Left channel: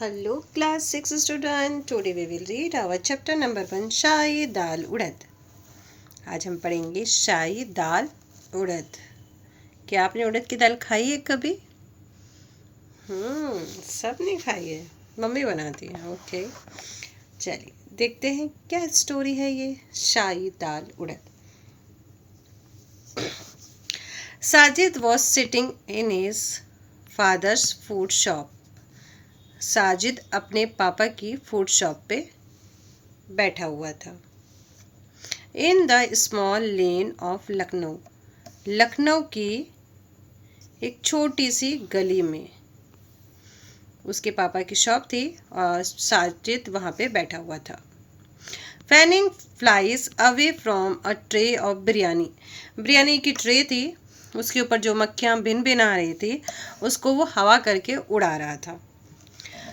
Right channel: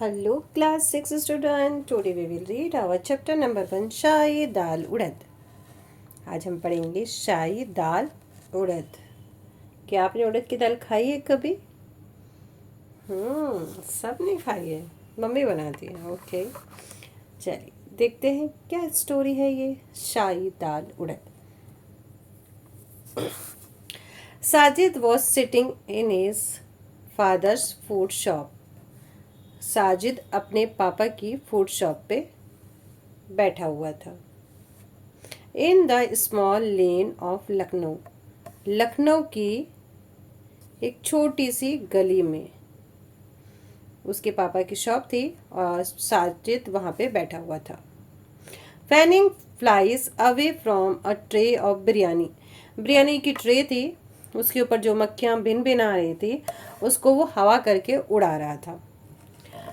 Hello class 6 student, today we will read our chapter number 1 शाही दाल उड़द। आज हम पढ़ेंगे शाही दाल उड़द। क्या आपने उड़द की दाल खाई है कभी? सब ने खाई है, मम्मी बनाती है। ओके, चलिए देखते हैं क्या स्टोरी है ये शाही दाल उड़द। Sajid was sitting in his father's food shop. Sajid अपने पापा की फूड शॉप पे बैठा हुआ था। In the small lane of Lucknow, Lucknow की एक छोटी सी गली में उसके पापा की शॉप थी और साजिद वहाँ पे बैठा हुआ था। Fanning flies away from a tray of biryani, biryani की ट्रे थी, उसके ऊपर जो मक्खियाँ भिन भिन आ रही थी उसको वो हवा करके उड़ा रहा था।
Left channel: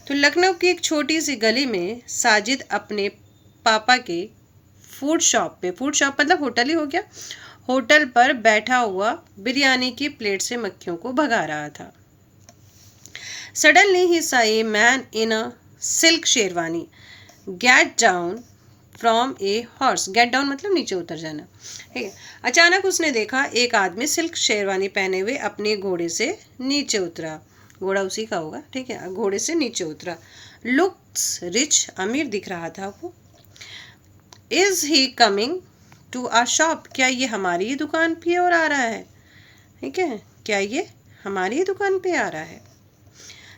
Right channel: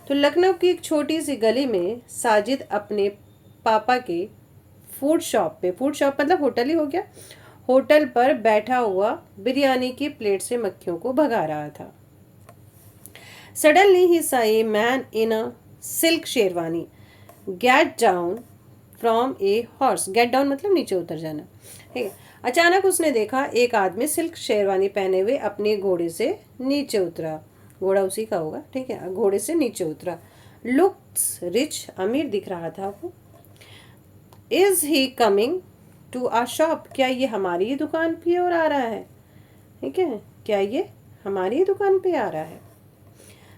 तो लखनऊ की एक छोटी सी गली में साजिद अपने पापा के फूड शॉप पे, फूड शॉप मतलब होटल ही हो गया, होटल पर बैठा हुआ बिरयानी की प्लेट से मक्खियों को भगा रहा था। Suddenly he saw a man in a silk sherwani get down from a horse, get down मतलब नीचे उतर जाना, ठीक है। अचानक उसने देखा एक आदमी सिल्क शेरवानी पहने हुए अपने घोड़े से नीचे उतरा, घोड़ा उसी का होगा, ठीक है, घोड़े से नीचे उतरा। लुक्स रिच, अमीर दिख रहा था वो। Is he coming to our shop, क्या ये हमारी ही दुकान पे और आ रहा है, ठीक है, क्या ये हमारी ही दुकान पे आ रहा है।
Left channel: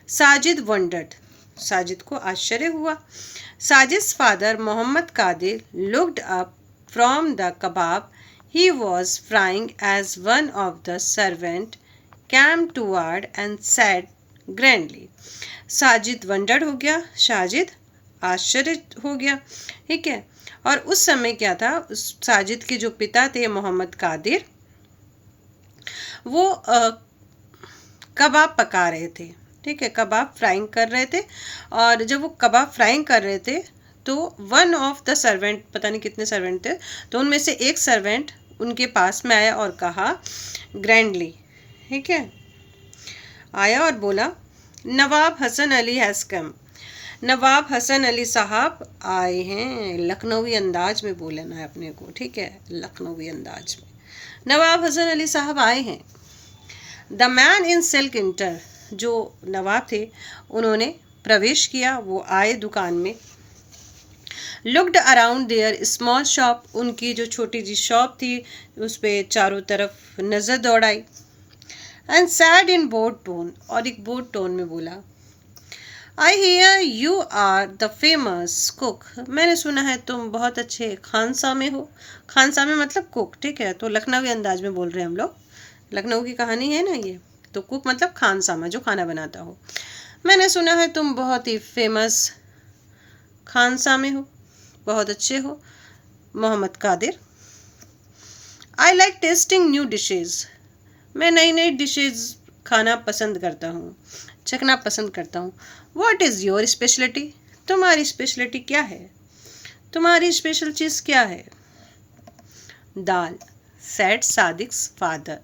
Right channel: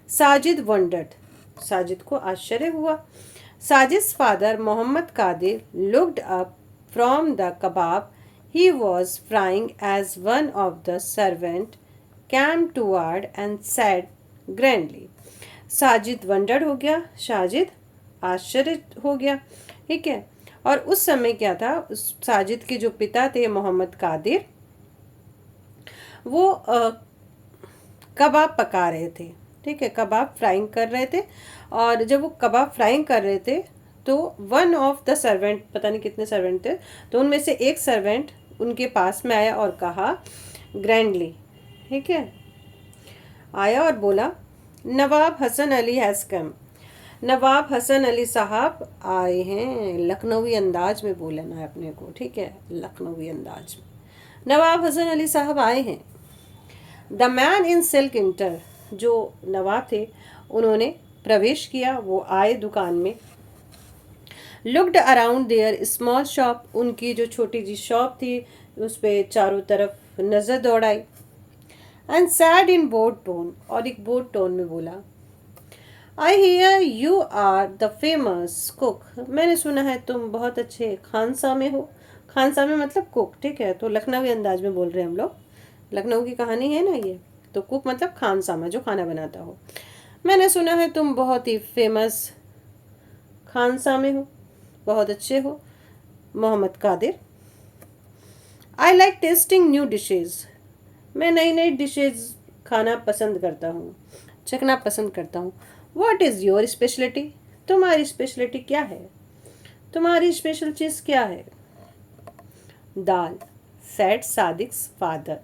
साजिद वंडर्ड, साजिद को आश्चर्य हुआ। Sajid father Mohammad Kadir looked up from the kebab he was frying as one of the servant came toward and said grandly, Sajid wondered हो गया, साजिद आश्चर्य हो गया, ठीक है। और उस समय क्या था, साजिद के जो पिता थे मोहम्मद कादिर, वो कबाब पका रहे थे, ठीक है, कबाब फ्राइंग कर रहे थे। और जब वो कबाब फ्राइंग कर रहे थे तो वन ऑफ द सर्वेंट, पता नहीं कितने सर्वेंट थे, तो उनमें से एक सर्वेंट उनके पास में आया और कहा ग्रैंडली, ठीक है, आया और बोला नवाब हसन अली हैज़ कम, नवाब हसन अली साहब आए हैं। लखनवी अंदाज में बोलना है अपने को, ठीक है, लखनवी अंदाज में, नवाब हसन अली साहब आए हैं। The man in silk inter, जो नवाब थे उन्होंने प्रवेश किया, वो आए दुकान में। Looked around their small shop, उनकी जो छोटी सी शॉप थी उस पर चारों तरफ नज़र दौड़ाई। And said in bored tone, और एक बोर्ड टोन में बोला, I hear you are the famous cook, मैंने सुना है तुम बहुत अच्छे खानसामे हो। खानसामे मतलब कुक, ठीक है, तो लखनवी अंदाज में बोल रहे हैं हम लोग, लखनऊ की कहानी है ना ये, तो कुक मतलब खानसामा, जो खाना बनाता हो। मैंने सुना है तुम बहुत ही फेमस खानसामे हो, बहुत अच्छे हो। Mohammad Kadir, I like testing new dishes, मैं नई नई डिशेज़ खाना पसंद करता हूँ, चखना पसंद करता हूँ। व्हाट इज़ योर स्पेशलिटी, तुम्हारी स्पेशलिटी क्या है, तुम्हारी स्पेशल चीज़ क्या है। दाल, सेड सादिक्स फादर,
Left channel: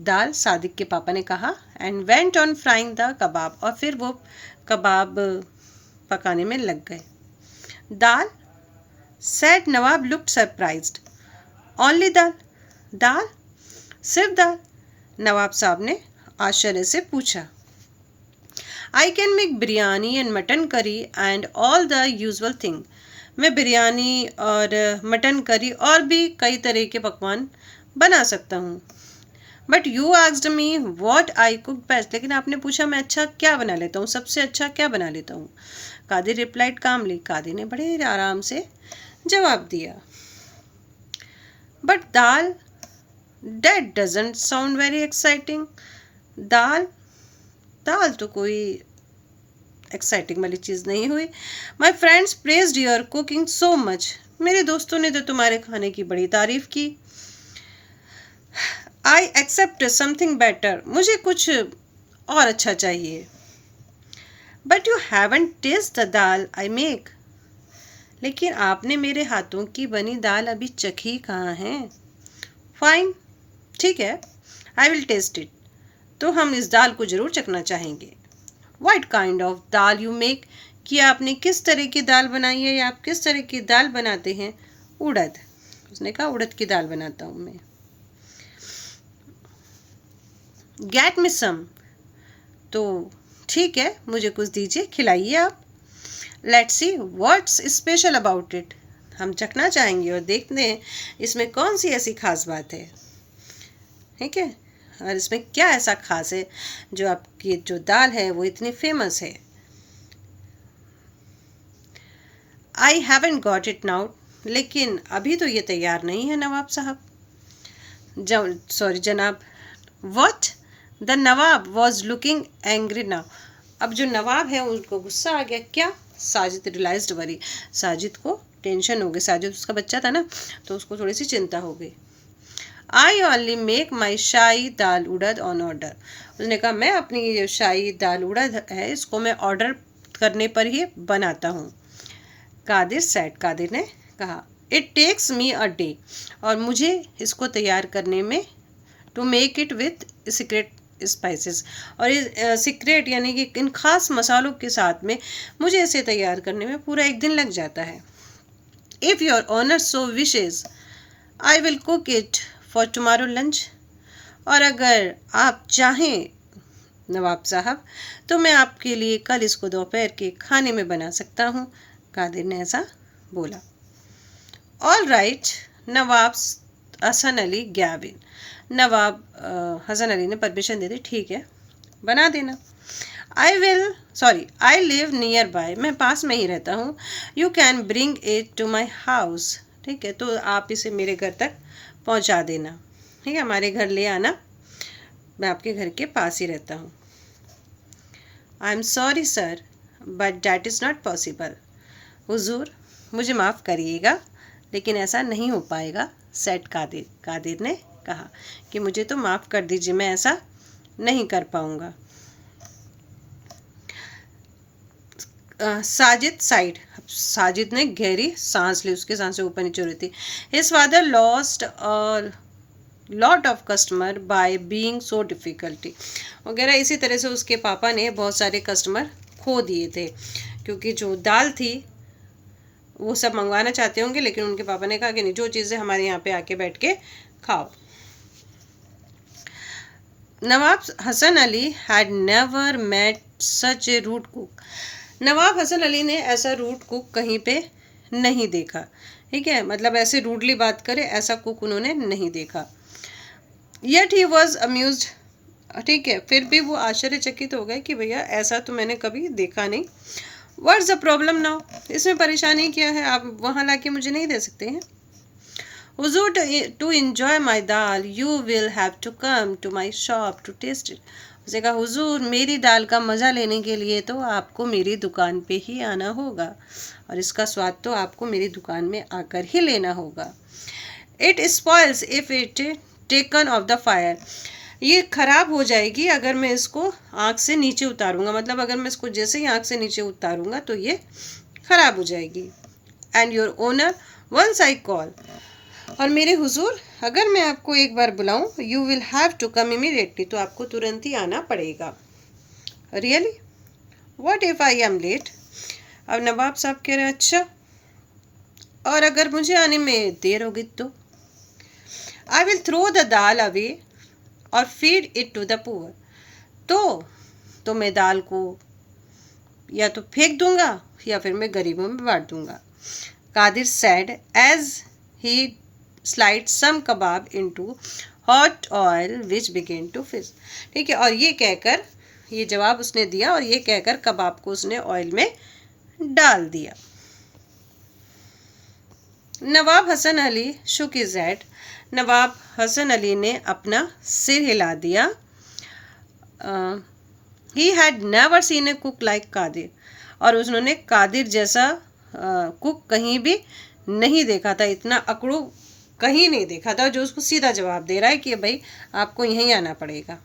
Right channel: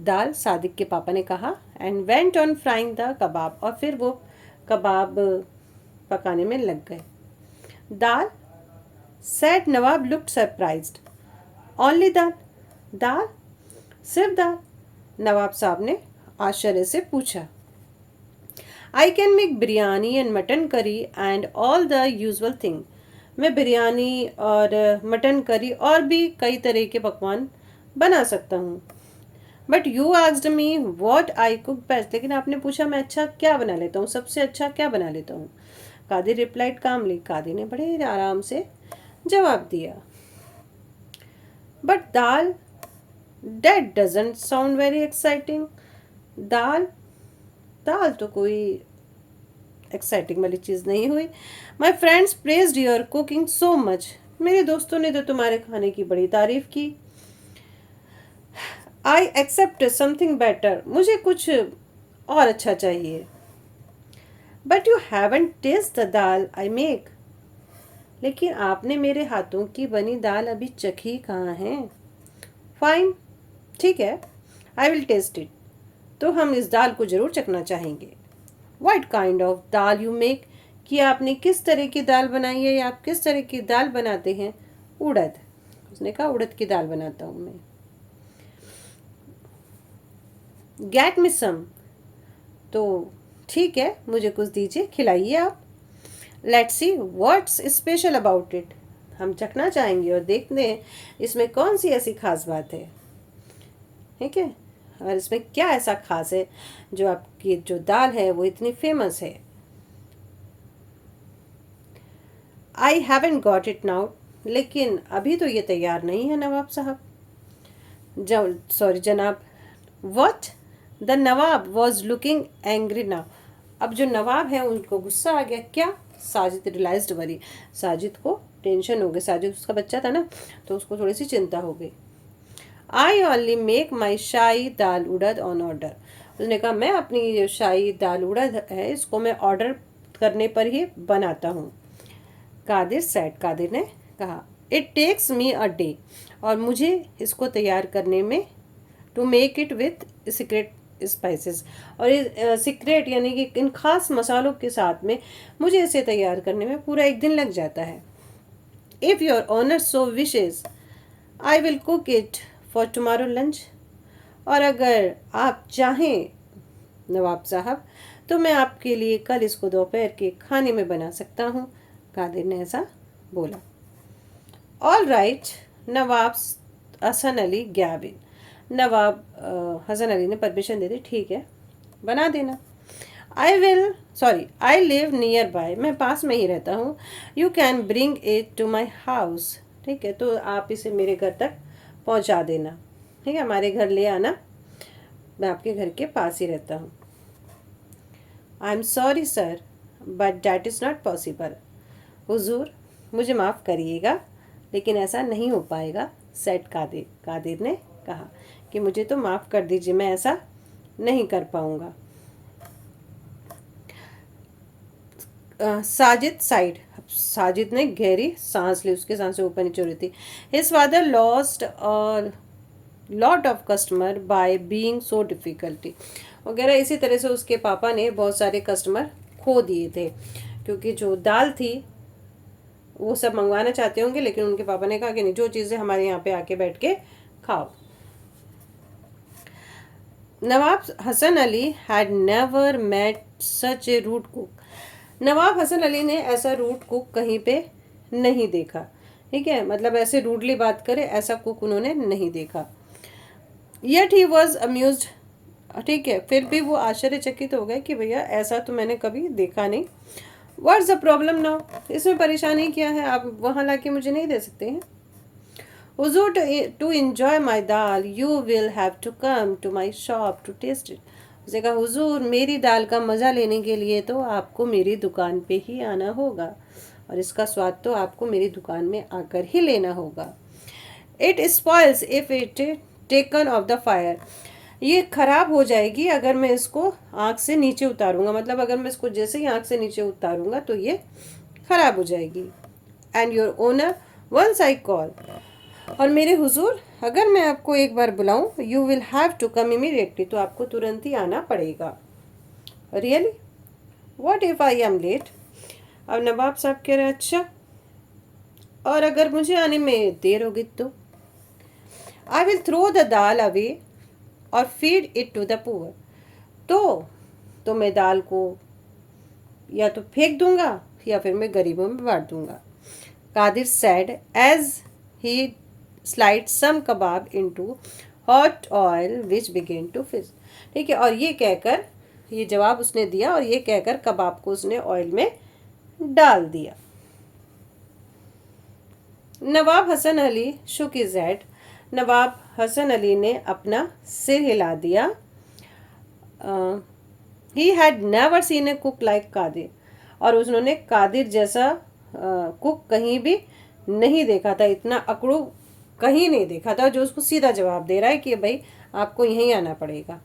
दाल सादिक के पापा ने कहा। And went on frying the kebab, और फिर वो कबाब पकाने में लग गए। Dal, said Nawab looked surprised. Only dal, dal, सिर्फ दाल, नवाब साहब ने आश्चर्य से पूछा। I can make biryani and mutton curry and all the usual thing, मैं बिरयानी और मटन करी और भी कई तरह के पकवान बना सकता हूँ। But you asked me what I cook best, लेकिन आपने पूछा मैं अच्छा क्या बना लेता हूँ, सबसे अच्छा क्या बना लेता हूँ। कादिर रिप्लाइड कामली, कादिर ने बड़े आराम से जवाब दिया, but dal, That doesn't sound very exciting. दाल, दाल तो कोई एक्साइटिंग वाली चीज़ नहीं हुई। My friends praised your cooking so much. मेरे दोस्तों ने तो तुम्हारे खाने की बड़ी तारीफ की। I accept something better. मुझे कुछ और अच्छा चाहिए। But you haven't tasted the dal I make. लेकिन आपने मेरे हाथों की बनी दाल अभी चखी कहाँ है। Fine, ठीक है, आई विल टेस्ट इट, तो हम इस दाल को ज़रूर चखना चाहेंगे। What kind of dal you make, कि आपने किस तरह की दाल बनाई है या आप किस तरह की दाल बनाते हैं। उड़द, उसने कहा उड़द की दाल बनाता हूँ मैं। गेट मी सम, तो ठीक है मुझे कुछ दीजिए, खिलाइए आप। Let's see what's special about it, हम चखना चाहेंगे और देखते हैं इसमें कौन सी ऐसी खास बात है। ठीक है, और इसमें क्या ऐसा खास है जो आपकी जो दाल है वो इतनी फेमस है। I haven't got it now, लेकिन अभी तो ये तैयार नहीं है नवाब साहब। सॉरी जनाब। What, the Nawab was looking angry now, अब जो नवाब है उनको गुस्सा आ गया। क्या? साजिद रियलाइज्ड वरी, साजिद को टेंशन हो गई, साजिद उसका बच्चा था ना, तो उसको थोड़ी सी चिंता हो गई। I only make my shahi dal urad on order, उसने कहा मैं अपनी ये शाही दाल उड़द है इसको मैं ऑर्डर करने पर ही बनाता हूँ। कादिर सेड, कादिर ने कहा it takes me a day, और मुझे इसको तैयार करने में, to make it with secret spices, और ये सीक्रेट यानी कि इन खास मसालों के साथ में मुझे इसे तैयार करने में पूरा एक दिन लग जाता है। If your honour so wishes I will cook it for tomorrow lunch, और अगर आप चाहें नवाब साहब तो मैं आपके लिए कल इसको दोपहर के खाने में बना सकता हूँ। कादिर ने ऐसा बोला। ऑल राइट, नवाब हसन अली गैव इन, नवाब हसन अली ने परमिशन दे दी, ठीक है बना देना। आई लिव नियर बाय, मैं पास में ही रहता हूँ। You can bring it to my house, ठीक है तो आप इसे मेरे घर तक पहुँचा देना, ठीक है हमारे घर ले आना, मैं आपके घर के पास ही रहता हूँ। I am sorry sir but that is not possible, हुजूर मुझे माफ़ करिएगा लेकिन ऐसा नहीं हो पाएगा। सेट कादिर, कादिर ने कहा कि मुझे तो माफ़ कर दीजिए मैं ऐसा नहीं कर पाऊँगा। साजिद साइड, साजिद ने गहरी सांस ली, उसकी सांसें ऊपर नीचे हो रही थी। हिज फादर लॉस्ट और lot of customer by being so difficulty, वगैरह इसी तरह से उसके पापा ने बहुत सारे कस्टमर खो दिए थे, क्योंकि जो दाल थी वो सब मंगवाना चाहते होंगे लेकिन उनके पापा ने कहा कि नहीं, जो चीज़ें हमारे यहाँ पे आके बैठ के खाओ। Nawab Hasan Ali had never met such a rude cook, Nawab Hasan Ali ने ऐसा रूड कुक कहीं पे नहीं देखा, ठीक है मतलब ऐसे रूडली बात करे ऐसा कुक उन्होंने नहीं देखा। येट ही वॉज अम्यूज्ड, ठीक है फिर भी वो आश्चर्यचकित हो गए कि भैया ऐसा तो मैंने कभी देखा नहीं। व्हाट्स द प्रॉब्लम नाउ, इसमें परेशानी क्या है, आप वहाँ लाके मुझे नहीं दे सकते हैं। हुजूर to enjoy my dal you will have to come to my shop to taste it, उसने कहा हुजूर मेरी दाल का मज़ा लेने के लिए तो आपको मेरी दुकान पे ही आना होगा और इसका स्वाद तो आपको मेरी दुकान में आकर ही लेना होगा। It spoils if it taken of the fire, ये ख़राब हो जाएगी अगर मैं इसको आँख से नीचे उतारूँगा, मतलब अगर मैं इसको जैसे ही आँख से नीचे उतारूँगा तो ये ख़राब हो जाएगी। And your honour once I call, और मेरे हुजूर अगर मैं आपको एक बार बुलाऊँ you will have to come immediately, तो आपको तुरंत ही आना पड़ेगा। Really, what if I am late, अब नवाब साहब कह रहे हैं अच्छा, और अगर मुझे आने में देर होगी तो I will throw the dal away और feed it to the poor, तो मैं दाल को या तो फेंक दूंगा या फिर मैं गरीबों में बांट दूंगा। Kadir said as he slide some kebab into hot oil which began to fizz, ठीक है और ये कहकर, ये जवाब उसने दिया और ये कहकर कबाब को उसने ऑयल में डाल दिया। Nawab Hasan Ali shook his head, Nawab Hasan Ali ने अपना सिर हिला दिया। He had never seen a cook like Kadir, और उन्होंने कादिर जैसा कुक कहीं भी नहीं देखा था, इतना अकड़ू कहीं नहीं देखा था जो उसको सीधा जवाब दे रहा है कि भाई आपको यहीं आना पड़ेगा।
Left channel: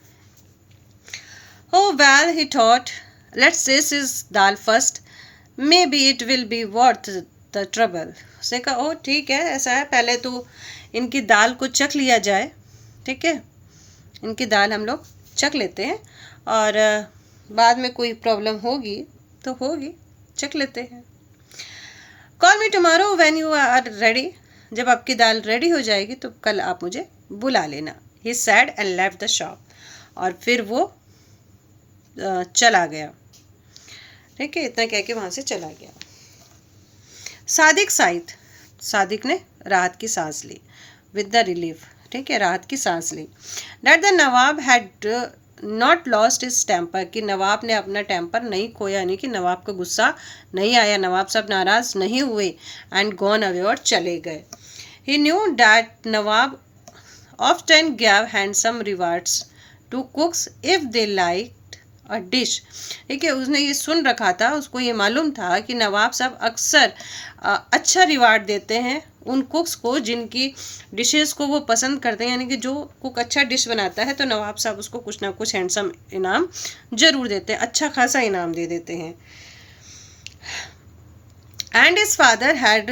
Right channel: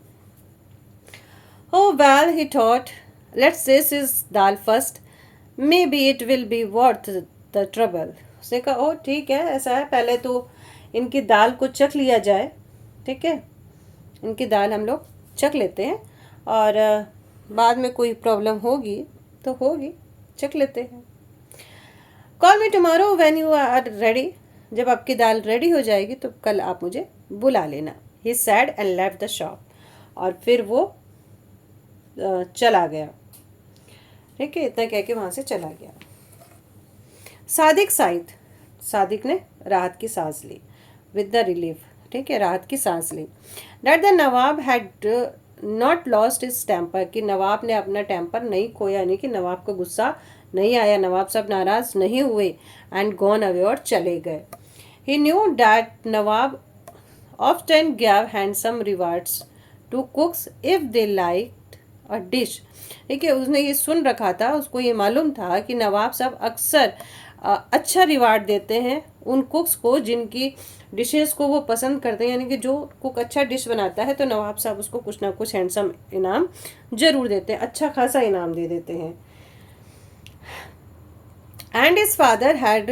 Oh well he thought let's taste his dal first maybe it will be worth the trouble, उसने कहा ओ ठीक है ऐसा है, पहले तो इनकी दाल को चख लिया जाए, ठीक है इनकी दाल हम लोग चख लेते हैं और बाद में कोई प्रॉब्लम होगी तो होगी, चख लेते हैं। Call me tomorrow when you are ready, जब आपकी दाल रेडी हो जाएगी तो कल आप मुझे बुला लेना। He said and left the shop, और फिर वो चला गया। ठीक है, इतना कह के वहाँ से चला गया। सादिक ने राहत की सांस ली, विद द रिलीफ, ठीक है, राहत की सांस ली। That the Nawab had not lost his temper, कि नवाब ने अपना टेम्पर नहीं खोया, यानी कि नवाब को गुस्सा नहीं आया, नवाब साहब नाराज नहीं हुए। एंड गॉन अवे, और चले गए। He knew that Nawab often gave handsome rewards to cooks if they liked a dish. ठीक है, उसने ये सुन रखा था, उसको ये मालूम था कि नवाब साहब अक्सर अच्छा रिवार्ड देते हैं उन कुक्स को जिनकी डिशेस को वो पसंद करते हैं, यानी कि जो कुक अच्छा डिश बनाता है तो नवाब साहब उसको कुछ ना कुछ हैंडसम इनाम जरूर देते हैं, अच्छा खासा इनाम दे देते हैं। And his father had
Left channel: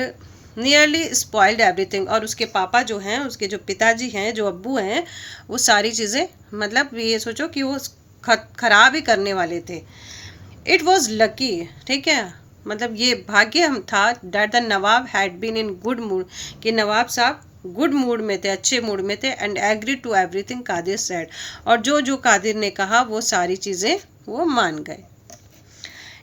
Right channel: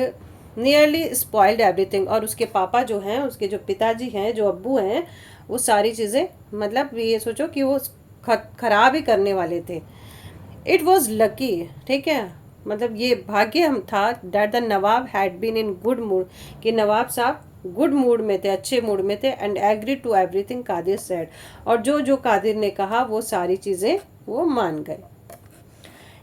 nearly spoiled everything, और उसके पापा जो हैं, उसके जो पिताजी हैं, जो अब्बू हैं, वो सारी चीज़ें, मतलब ये सोचो कि वो खराब ही करने वाले थे। इट वॉज लकी, ठीक है, मतलब ये भाग्य हम था, that the Nawab had been in good mood, कि नवाब साहब गुड मूड में थे, अच्छे मूड में थे। And agree to everything Qadir said, और जो जो कादिर ने कहा वो सारी चीज़ें वो मान गए।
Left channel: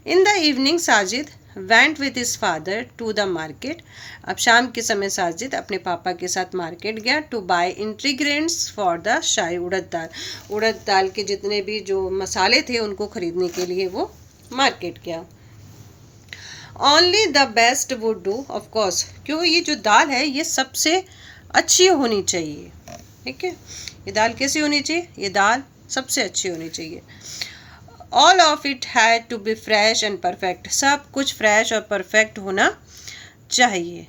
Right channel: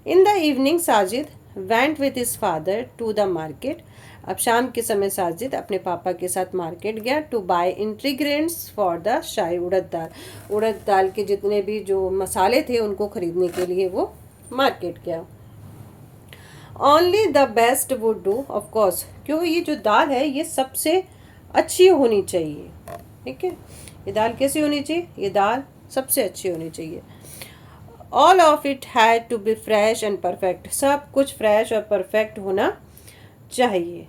In the evening Sajid went with his father to the market, अब शाम के समय साजिद अपने पापा के साथ मार्केट गया, to buy ingredients for the shahi urad dal के जितने भी जो मसाले थे उनको खरीदने के लिए वो मार्केट गया। Only the best would do, of course, क्योंकि ये जो दाल है ये सबसे अच्छी होनी चाहिए। ठीक है, ये दाल कैसी होनी चाहिए, ये दाल सबसे अच्छी होनी चाहिए। All of it had to be fresh and perfect, सब कुछ फ्रेश और परफेक्ट होना चाहिए।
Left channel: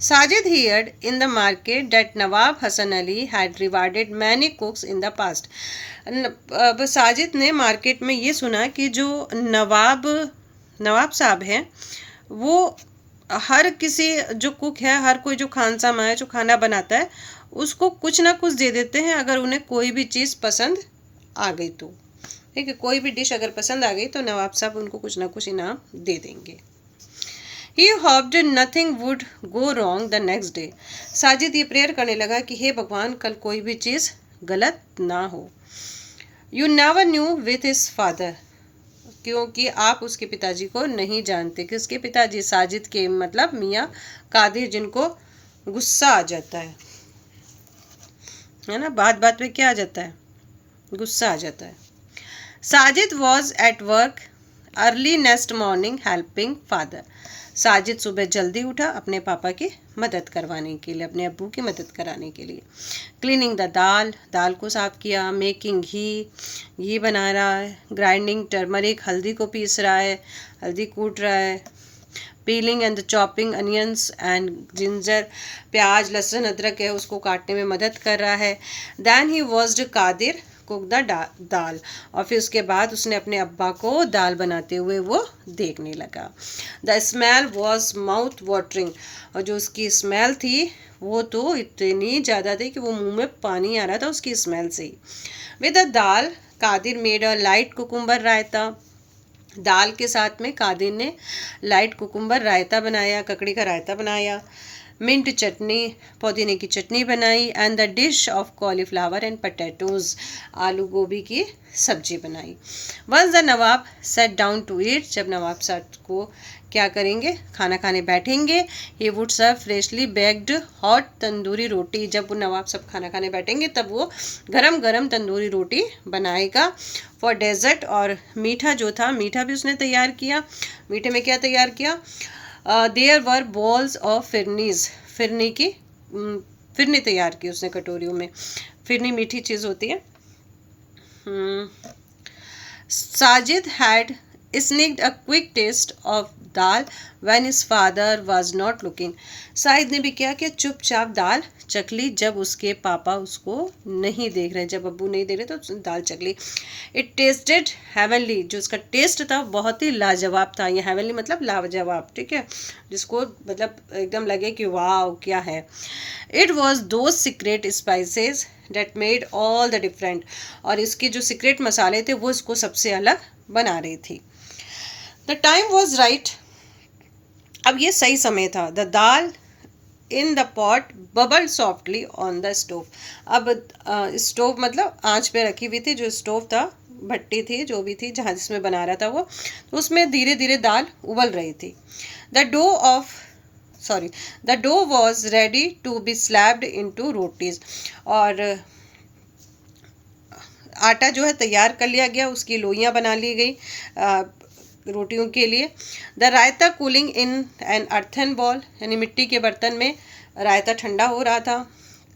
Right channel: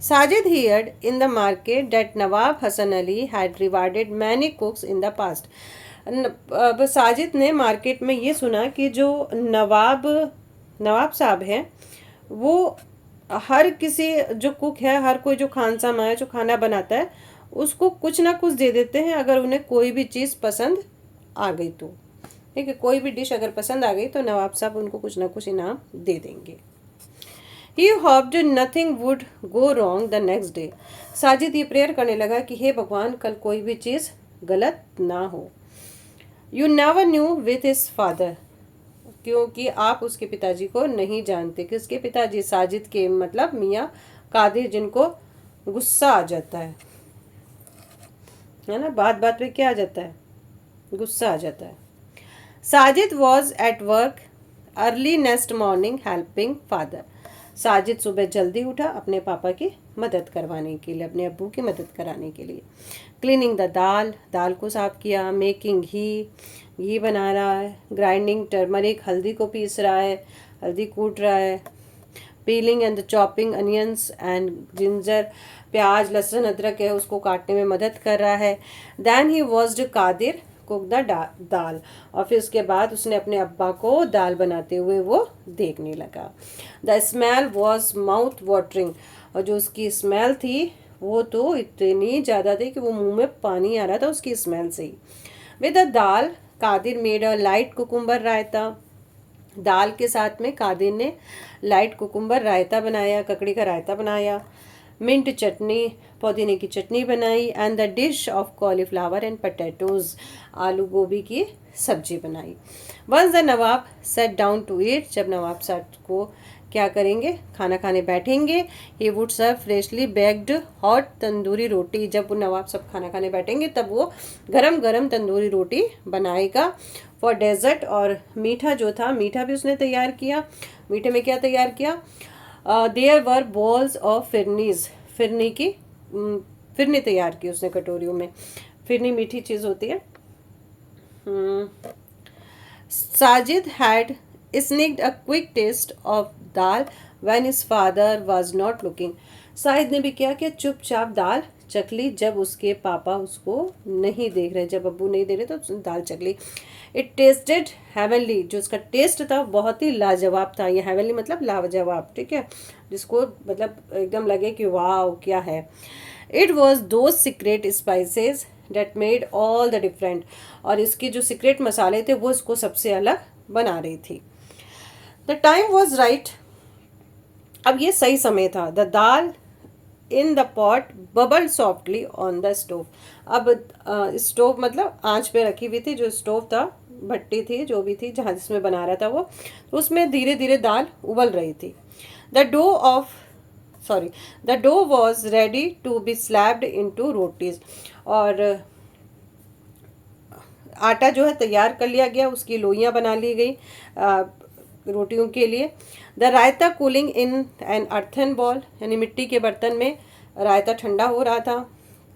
Sajid heard in the market that Nawab Hassan Ali had rewarded many cooks in the past. अब साजिद ने मार्केट में ये सुना कि जो नवाब साहब हैं वो हर किसी जो कुक है, हर कोई जो खानसामा है, जो खाना बनाता है, उसको कुछ ना कुछ दे देते हैं अगर उन्हें कोई भी चीज़ पसंद आ गई तो। ठीक है, कोई भी डिश अगर पसंद आ गई तो नवाब साहब उनको कुछ ना कुछ इनाम दे देंगे। He hoped nothing would go wrong the next day. Sajid ये प्रेयर करने लगा कि हे भगवान, कल कोई भी चीज़ गलत ना हो। You never knew with his father, क्योंकि आप उसके पिताजी को नहीं जानते। किसके पिताजी? साजिद के, मतलब मियाँ कादिर, जिनको गुस्सा आ जाता है ना, बात बात पे क्या आ जाता है, गुस्सा आ जाता है। Sajid was at work early next morning helping father, Sajid सुबह जल्दी उठा अपने पापा की मदद करवाने के लिए, अपने अब्बू की मदद कराने के लिए। क्लीनिंग द दाल को साफ़ किया। मेकिंग घी बना रहा है। ग्राइंडिंग टर्मरिक, हल्दी को पीस रहा है, हल्दी कूट रहा है। Piling and chopping onions and ginger, प्याज लहसुन अदरक है उसको काटने में मदद कर रहा है। Then he watched Kadir cook the dal, और फिर उसके बाद उसने अपने अब्बा को दाल बनाते हुए वो देखने लगा। The smell was mouth watering, और जो उसकी स्मेल थी वो तो इतनी ज़्यादा थी कि वो मुंह में पानी आ रहा था उसकी स्मेल से ही। With the dal Kadir made a light cucumber raita, दाल के साथ में कादिर ने लाइट कुकुम्बर रायता बनाया, ककड़ी का रायता बनाया। मिंट चटनी, पुदीने की चटनी बनाई। And the dish of cauliflower and potatoes, आलू गोभी की सब्जी बनाई। Once the Nawab sat down to eat, जब नवाब साहब को क्या करेंगे, खाना खाने बैठेंगे। He would serve freshly baked hot tandoori roti, जब वो नवाब साहब खाना खाने बैठेंगे तब वो गरम गरम तंदूरी रोटी बनाएगा। फॉर डेजर्ट, और मीठा जो था, मीठा भी उसने तैयार किया। मीठे में क्या तैयार किया? There were balls of phirni की फिरनी तैयार की उसने कटोरियों में। फिरनी मीठी चीज़ होती है। Sajid had sneaked a quick taste of dal when his father was not looking, Sajid ने भी क्या किया, चुपचाप दाल चख ली जब उसके पापा उसको नहीं देख रहे, जब अब्बू नहीं देख रहे तो दाल चख ली। इट टेस्टेड हेवनली, जो उसका टेस्ट था बहुत ही लाजवाब था। ये हेवनली मतलब लाजवाब, ठीक है, जिसको मतलब एकदम लगे कि वाह क्या है। It was those secret spices that made all the different, और इसके जो सीक्रेट मसाले थे वो इसको सबसे अलग बना रही थी। द टाइम वॉज राइट, अब ये सही समय था। The dal in the pot bubble softly on the stove, अब स्टोव मतलब आंच पे रखी हुई थी, जो स्टोव था, भट्टी थी, जो भी थी जहाँ जिसमें बना रहा था वो, तो उसमें धीरे धीरे दाल उबल रही थी। The dough of the dough was ready to be slabbed into rotis, और आटा जो है तैयार कर लिया गया, उसकी लोइयाँ बना ली गई रोटियों के लिए। The raita cooling in an earthen ball, यानी मिट्टी के बर्तन में रायता ठंडा हो रहा था।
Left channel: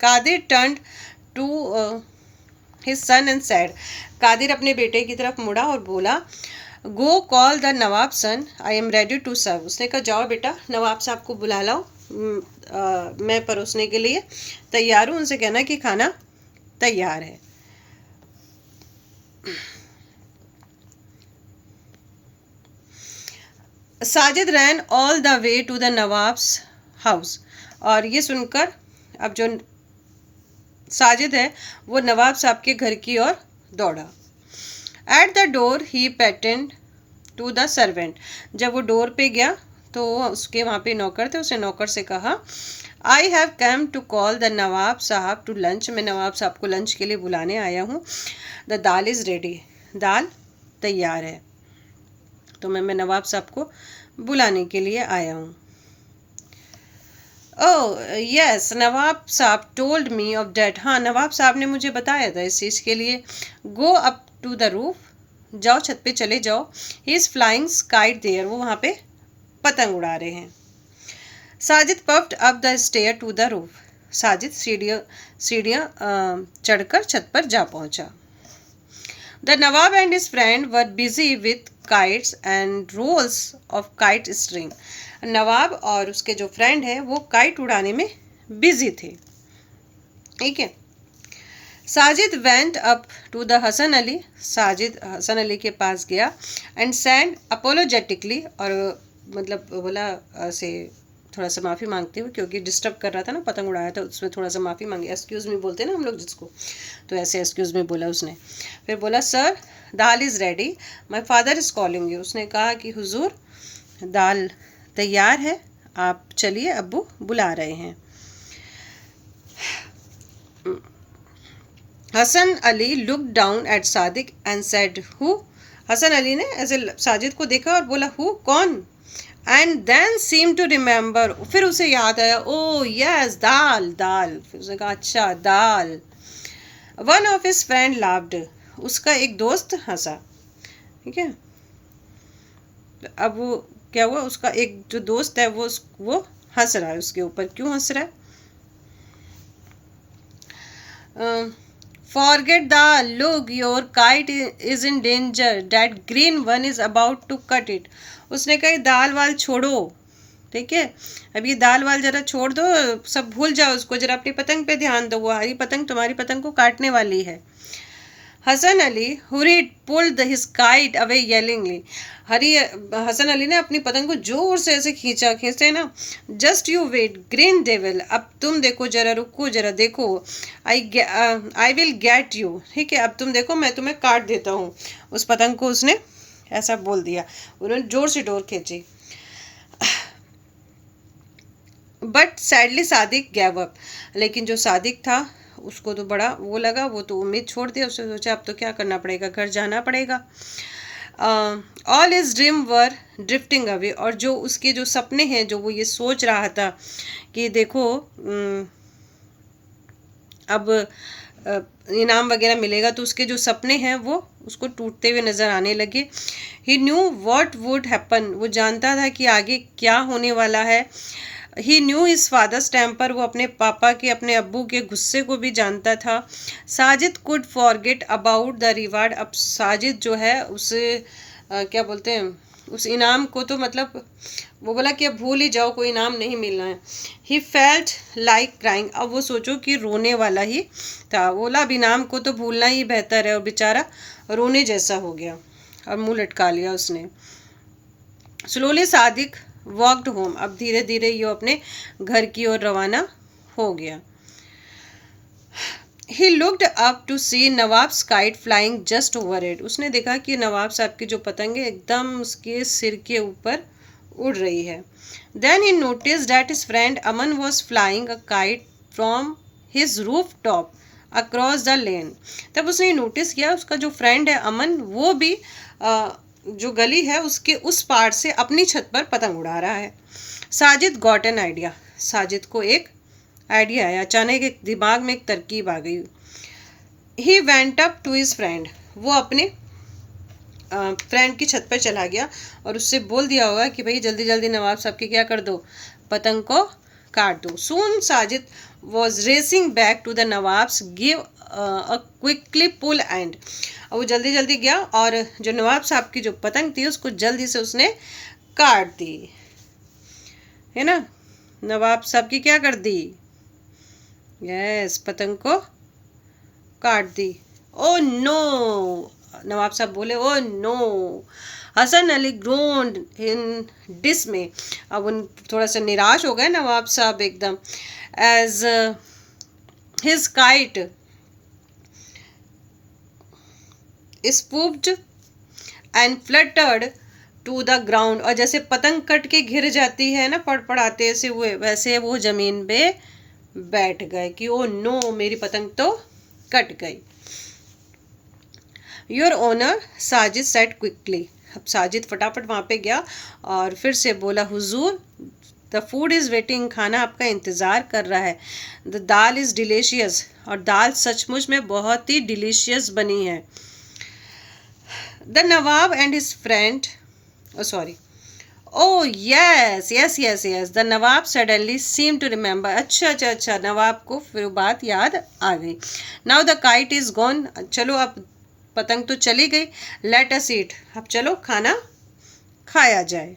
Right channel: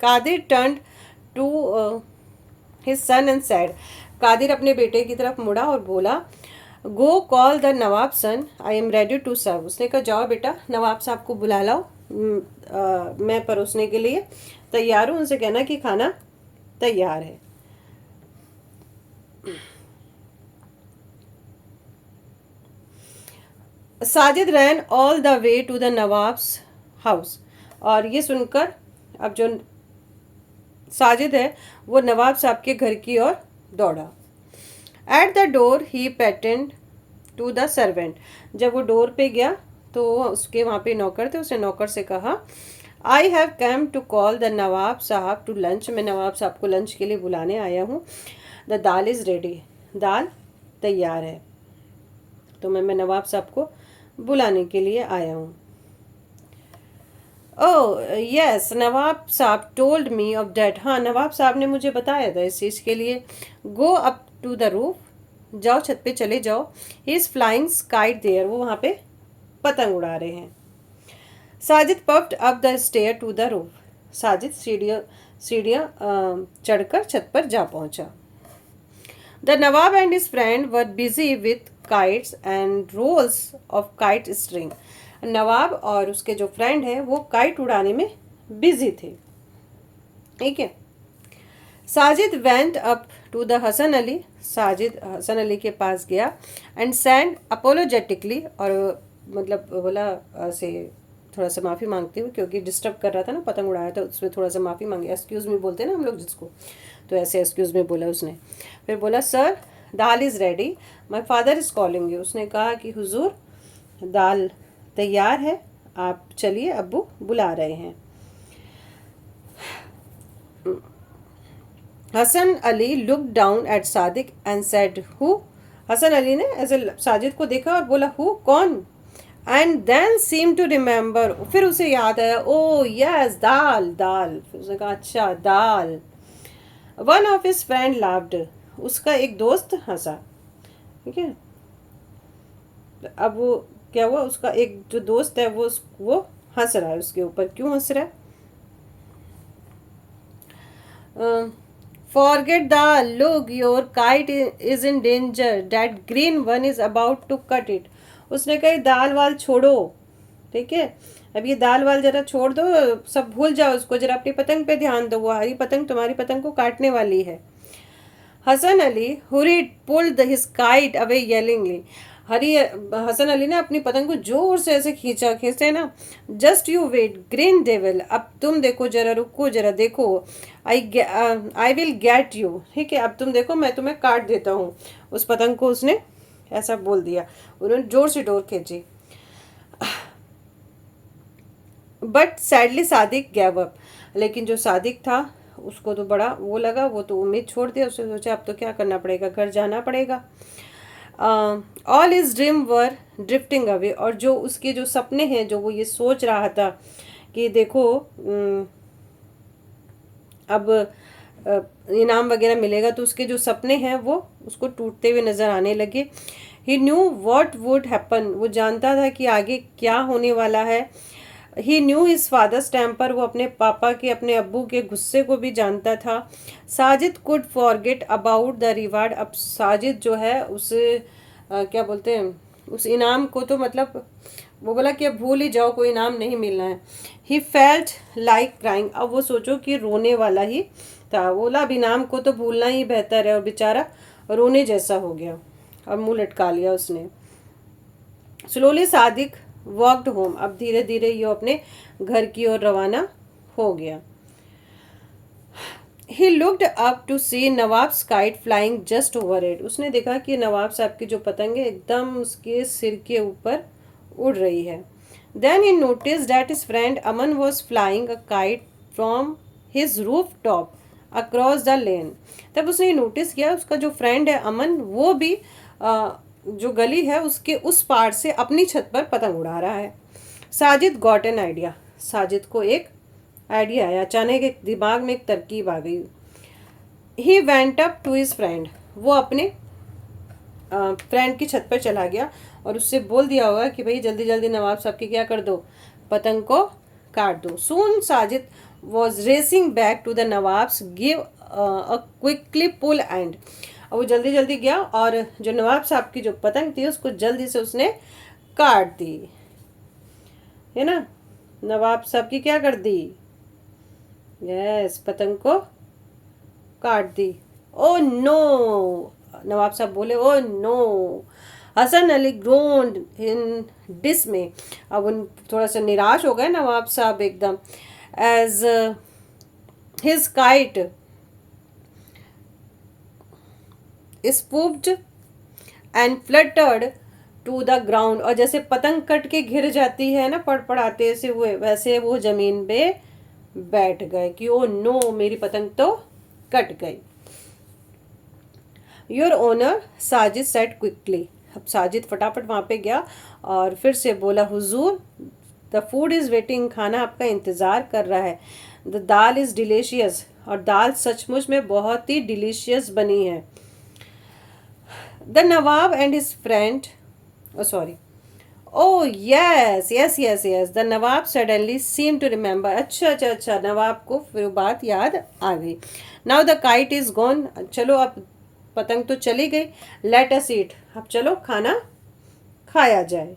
Kadir turned to his son and said, Kadir अपने बेटे की तरफ मुड़ा और बोला, go call the Nawab son, I am ready to serve. उसने कहा जाओ बेटा नवाब साहब को बुला लाओ, मैं परोसने के लिए तैयार हूँ, उनसे कहना कि खाना तैयार है। Sajid ran all the way to the Nawab's house, और ये सुनकर अब जो साजिद है वो नवाब साहब के घर की ओर दौड़ा। At the door he patted to the servant, जब वो डोर पे गया तो उसके वहाँ पे नौकर थे, उसने नौकर से कहा, I have come to call the Nawab Sahab to lunch, मैं नवाब साहब को लंच के लिए बुलाने आया हूँ। द दाल इज़ रेडी, दाल तैयार है, तो मैं नवाब साहब को बुलाने के लिए आया हूँ। ओह यस, नवाब साहब टोल्ड मी ऑफ डैट, हाँ नवाब साहब ने मुझे बताया था इस चीज़ के लिए। Go up to the roof, जाओ छत पे चले जाओ। He is flying kite there, वो वहाँ पे पतंग उड़ा रहे हैं। Sajid puffed up the stair to the roof, Sajid सीढ़ियाँ चढ़कर छत पर जा पहुँचा। The Nawab and his friend were busy with kites and rolls of kite string, Nawab और उसके जो फ्रेंड हैं वो काइट उड़ाने में बिजी थे, ठीक है। Sajid went up to the Hasan Ali, Sajid Hasan Ali के पास गया एंड सैंड अपोलोजेटिकली, और मतलब बोला से थोड़ा सा माफ़ी मांगते हुए, क्योंकि डिस्टर्ब कर रहा था ना, पतंग उड़ाया था, उसमें थोड़ा सा माफ़ी मांगी, एक्सक्यूज़ मी बोलते हैं ना हम लोग जिसको, तो ऐसे एक्सक्यूज़ मी बोला उसने। फिर बोला, sir dal is ready, my father is calling you, उसने कहा कि हुजूर दाल तैयार है, आप चलिए अब्बू बुला रहे हैं। Hasan Ali look down at Sadiq and said who, Hasan Ali ने ऐसे साजिद को देखा और बोला हु, कौन, and then seem to remember, फिर उसे याद आया, ओ यस दाल दाल, फिर उसने कहा अच्छा दाल। One of his friend laughed, उसका एक दोस्त हंसा, ठीक है। अब वो क्या हुआ, उसका एक जो दोस्त है वो हंस रहा है उसके ऊपर, क्यों हंस रहा है? Forget the look, your kite is in danger, that green one is about to cut it, उसने कही दाल वाल छोड़ो, ठीक है, अब ये दाल वाल जरा छोड़ दो, सब भूल जाओ उसको, जरा अपनी पतंग पे ध्यान दो, वो हरी पतंग तुम्हारी पतंग को काटने वाली है। Hasan Ali hurried pulled his kite away yellingly, Hasan Ali ने अपनी पतंग को जोर से ऐसे खींचते ना, just you wait green devil, अब तुम देखो जरा, रुको जरा देखो, आई विल गेट यू, ठीक है, अब तुम देखो मैं तुम्हें काट देता हूँ। उस पतंग को उसने ऐसा बोल दिया, उन्होंने जोर से डोर खींची। But sadly Sadiq gave up, लेकिन जो सादिक था उसको तो बड़ा वो लगा, वो तो उम्मीद छोड़ दिया, उसने सोचा अब तो क्या करना पड़ेगा, घर जाना पड़ेगा। All is dream were drifting away, और जो उसके जो सपने हैं, जो वो ये सोच रहा था कि देखो अब इनाम वगैरह मिलेगा, तो उसके जो सपने हैं वो उसको टूटते हुए नज़र आने लगे। ही न्यू वॉट वुड हैपन, वो जानता था कि आगे क्या होने वाला है। ही न्यू हिज फादर्स टेम्पर, वो अपने पापा के, अपने अब्बू के गुस्से को भी जानता था। Sajid could forget about the reward, अब साजिद जो है उसे क्या बोलते हैं, उस इनाम को तो मतलब वो बोला कि अब भूल ही जाओ, कोई इनाम नहीं मिलना है। ही फेल्ट लाइक क्राइंग, अब वो सोचो कि रोने वाला ही था, बोला अब इनाम को तो भूलना ही बेहतर है, और बेचारा रोने जैसा हो गया और मुंह लटका लिया उसने। स्लोली सादिक वॉकड होम, अब धीरे धीरे ये अपने घर की ओर रवाना हो गया। He looked up to see nawabs kite flying just overhead. उसने देखा कि नवाब साहब की जो पतंगे एकदम उसके सिर के ऊपर उड़ रही है. Then he noticed that his friend Aman was flying a kite from his rooftop across the lane. तब उसने नोटिस किया उसका जो फ्रेंड है अमन वो भी जो गली है उसके उस पार से अपनी छत पर पतंग उड़ा रहा है. Sajid got an idea. Sajid को एक आइडिया आया. अचानक एक दिमाग में एक तरकीब आ गई. He went up to his friend. वो अपने फ्रेंड की छत पर चला गया और उससे बोल दिया होगा कि भाई जल्दी जल्दी नवाब साहब की क्या कर दो, पतंग को काट दो. Soon Sajid was racing back to the Nawab's give a quickly pull and. वो जल्दी जल्दी गया और जो नवाब साहब की जो पतंग थी उसको जल्दी से उसने काट दी, है ना. नवाब साहब की क्या कर दी, यस पतंग को काट दी. ओ नो, नवाब साहब बोले oh no. Hasan Ali groaned in dismay. अब उन थोड़ा सा निराश हो गए नवाब साहब एकदम. As his kite swooped and fluttered to the ground. और जैसे पतंग कट के गिर जाती है ना पड़पड़ाते से हुए, वैसे वो जमीन पे बैठ गए कि ओ नो मेरी पतंग तो कट गई. Your owner Sajid said quickly. अब साजिद फटाफट वहाँ पे गया और फिर से बोला हुजूर द फूड इज़ वेटिंग. खाना आपका इंतज़ार कर रहा है. The dal is delicious. और दाल सचमुच में बहुत ही डिलीशियस बनी है. The Nawab and his friend sorry Oh yes, yes, yes, yes. The Nawab suddenly seemed to remember. अच्छा अच्छा अच्छा, नवाब को फिर बात याद आ गई. Now the kite is gone. चलो अब पतंग तो चली गई. Let us eat. अब चलो खाना खाया जाए.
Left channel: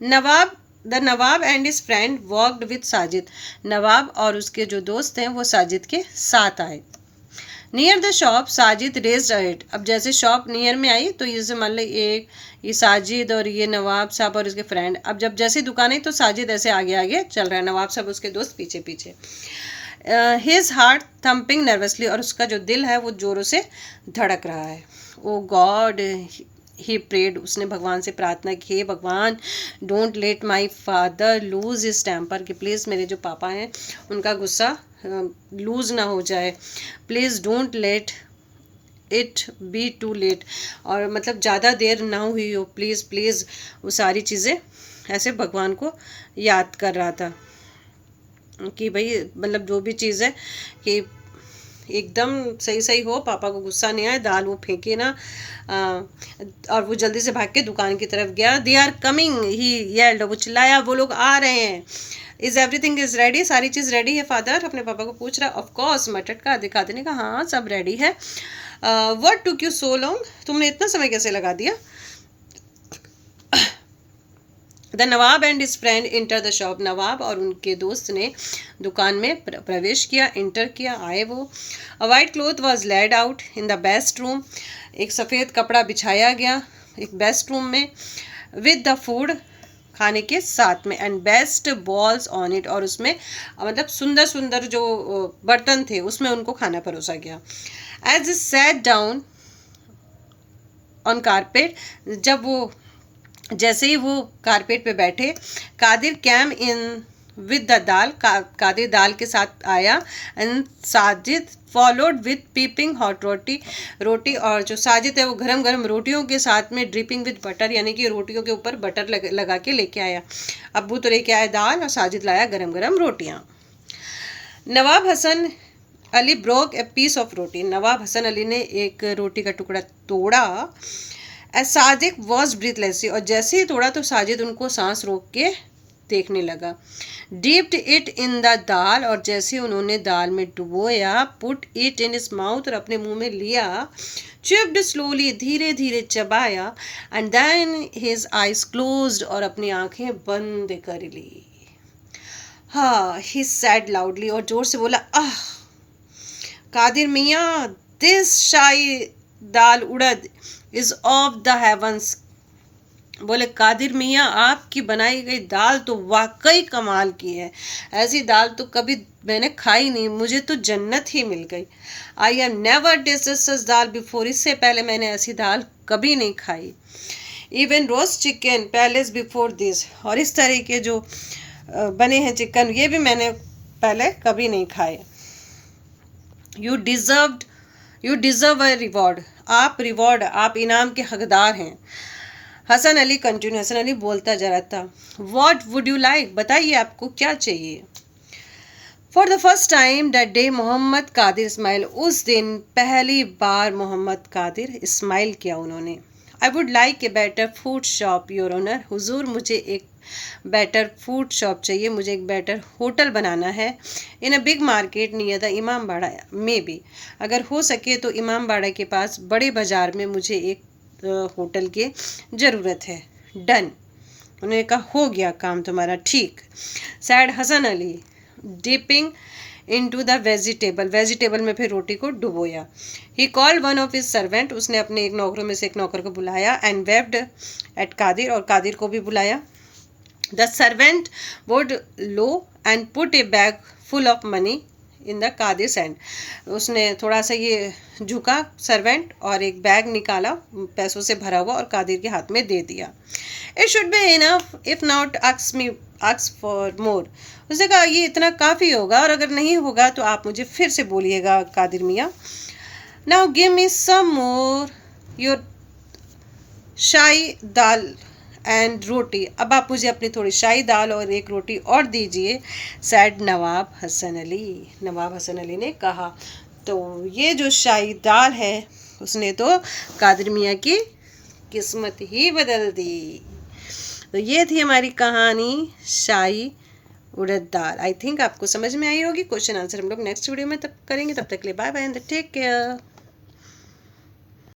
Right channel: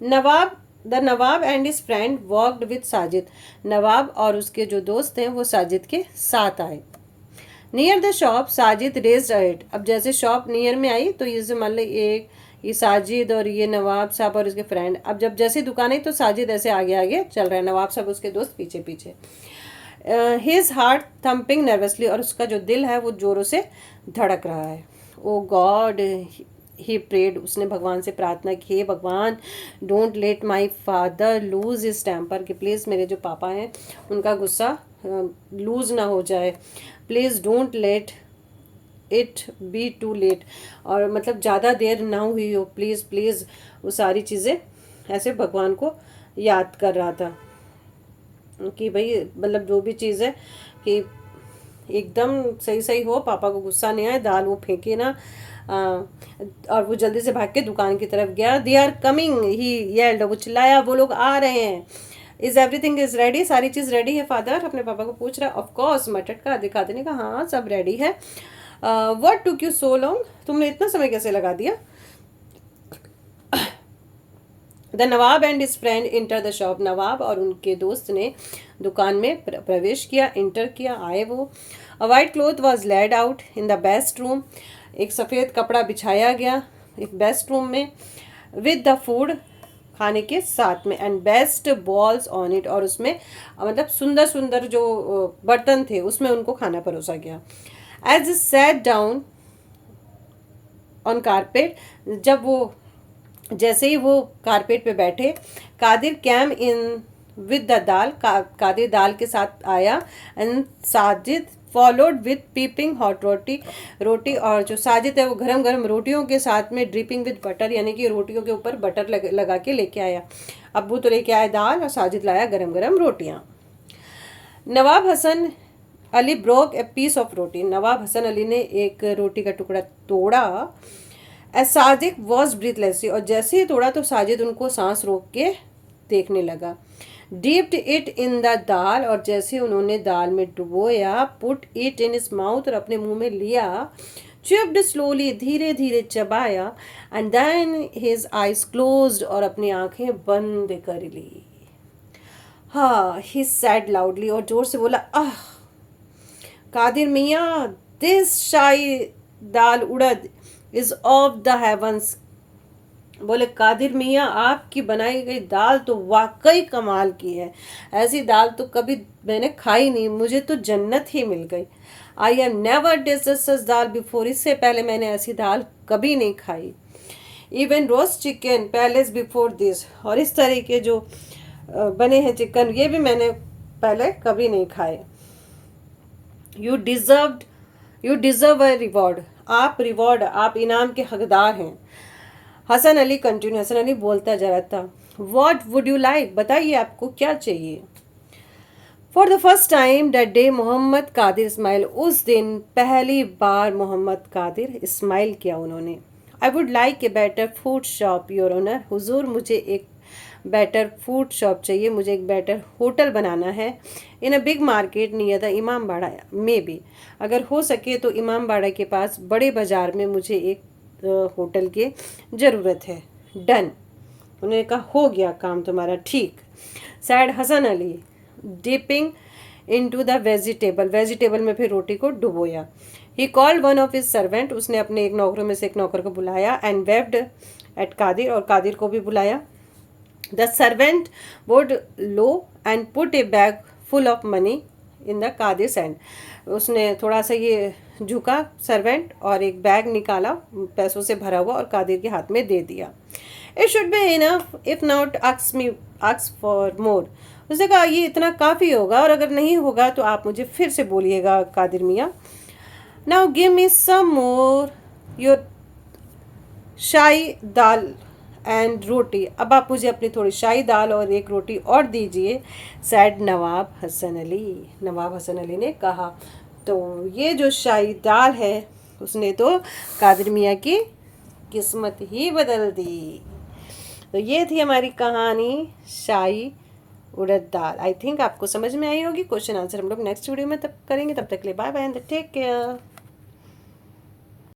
The Nawab and his friend walked with Sajid. Nawab और उसके जो दोस्त हैं वो साजिद के साथ आए. Near the shop Sajid raised it. अब जैसे शॉप नियर में आई तो ये मान लो एक ये साजिद और ये नवाब साहब और उसके फ्रेंड. अब जब जैसी दुकान आई तो साजिद ऐसे आगे आगे चल रहा है, नवाब साहब उसके दोस्त पीछे पीछे. His heart thumping nervously. और उसका जो दिल है वो जोरों से धड़क रहा है. Oh god he prayed. उसने भगवान से प्रार्थना की, Bhagwan don't let my father lose his temper. कि प्लीज़ मेरे जो पापा हैं उनका गुस्सा लूज ना हो जाए. Please don't let it be too late. और मतलब ज़्यादा देर ना हुई हो, प्लीज़ प्लीज़. वो सारी चीज़ें ऐसे भगवान को याद कर रहा था कि भाई मतलब जो भी चीज़ है कि एकदम सही सही हो, पापा को गुस्सा नहीं आए, दाल वो फेंके ना. और वो जल्दी से भाग के दुकान की तरफ गया. They are coming he yelled. वो चिल्लाया वो लोग आ रहे हैं. Is everything is ready. सारी चीज़ रेडी है फादर. अपने पापा को पूछ रहा है. ऑफ कोर्स मटट का दिखा देने का. हाँ सब रेडी है. What took you so long. तुमने इतना समय कैसे लगा दिया. The Nawab and his friend enter the shop. Nawab और उनके दोस्त ने दुकान में प्रवेश किया, इंटर किया, आए वो. अ white cloth was laid out in the best room. एक सफ़ेद कपड़ा बिछाया गया एक बेस्ट रूम में. विद द फूड खाने के साथ में. And best balls on it. और उसमें मतलब सुंदर सुंदर जो बर्तन थे उसमें उनको खाना परोसा गया. As sat down on carpet. जब वो जैसे ही वो कारपेट पे बैठे, Kadir came in with the dal. Kadir दाल के साथ आया. And Sajid followed with piping hot roti. और जो साजिद है वो गरम गरम रोटियों के साथ में ड्रिपिंग विद बटर, यानी कि रोटियों के ऊपर बटर लगा के लेके आया. अब्बू तो लेके आया दाल और साजिद लाया गरम गरम रोटियां. Nawab Hasan Ali broke a piece of roti. Nawab Hasan Ali ने एक रोटी का टुकड़ा तोड़ा. As Sajid was breathlessly. और जैसे ही तोड़ा तो साजिद उनको सांस रोक के देखने लगा. Dipped it in the dal. और जैसे उन्होंने दाल में डुबोया. Put it in his mouth. और अपने मुंह में लिया. Chipped slowly. धीरे धीरे चबाया. And then his eyes closed. और अपनी आंखें बंद कर ली. हाँ ही सैड लाउडली. और जोर से बोला आह. Qadir Miyan this shahi dal urad is of the heavens. बोले कादिर मियाँ आपकी बनाई गई दाल तो वाकई कमाल की है, ऐसी दाल तो कभी मैंने खाई नहीं, मुझे तो जन्नत ही मिल गई। I have never tested such dal before, इससे पहले मैंने ऐसी दाल कभी नहीं खाई। Even roast chicken palace before this, और इस तरह के जो बने हैं चिकन ये भी मैंने पहले कभी नहीं खाए। You deserved you deserve a reward, आप इनाम के हकदार हैं। हसन अली कंटिन्यू, हसन अली बोलता जा रहा था। वॉट वुड यू लाइक, बताइए आपको क्या चाहिए। For the first time that day Mohammad Qadir smile, उस दिन पहली बार मोहम्मद कादिर स्माइल किया उन्होंने। I would like a better food shop your honour, हुजूर मुझे एक बेटर फूड शॉप चाहिए, मुझे एक बेटर होटल बनाना है। In a big market near the Imambara में भी, अगर हो सके तो इमाम बाड़ा के पास बड़े बाज़ार में मुझे एक होटल की ज़रूरत है। डन, उन्होंने कहा हो गया काम तुम्हारा, ठीक। Said Hasan Ali dipping into the vegetable में फिर रोटी को डुबोया। He called one of his servant, उसने अपने एक नौकरों में से एक नौकर को बुलाया। एंड वेव्ड एट कादिर, और कादिर को भी बुलाया। The servant would low and put a bag full of money in the Qadir hand, उसने थोड़ा सा ये झुका सर्वेंट और एक बैग निकाला पैसों से भरा हुआ और कादिर के हाथ में दे दिया। It should be enough if not ask for more, उसने कहा ये इतना काफ़ी होगा और अगर नहीं होगा तो आप मुझे फिर से बोलिएगा कादिर मियाँ। Now give me some more your shahi dal and roti, अब आप मुझे अपनी थोड़ी शाही दाल और एक रोटी और दीजिए। सैड नवाब हसन अली ने कहा। तो ये जो शाही दाल है उसने तो कादिर मियाँ की किस्मत ही बदल दी। तो ये थी हमारी कहानी शाही उड़द दाल। आई थिंक आपको समझ में आई होगी। क्वेश्चन आंसर हम लोग नेक्स्ट वीडियो में तब करेंगे, तब तक के लिए bye bye and take care.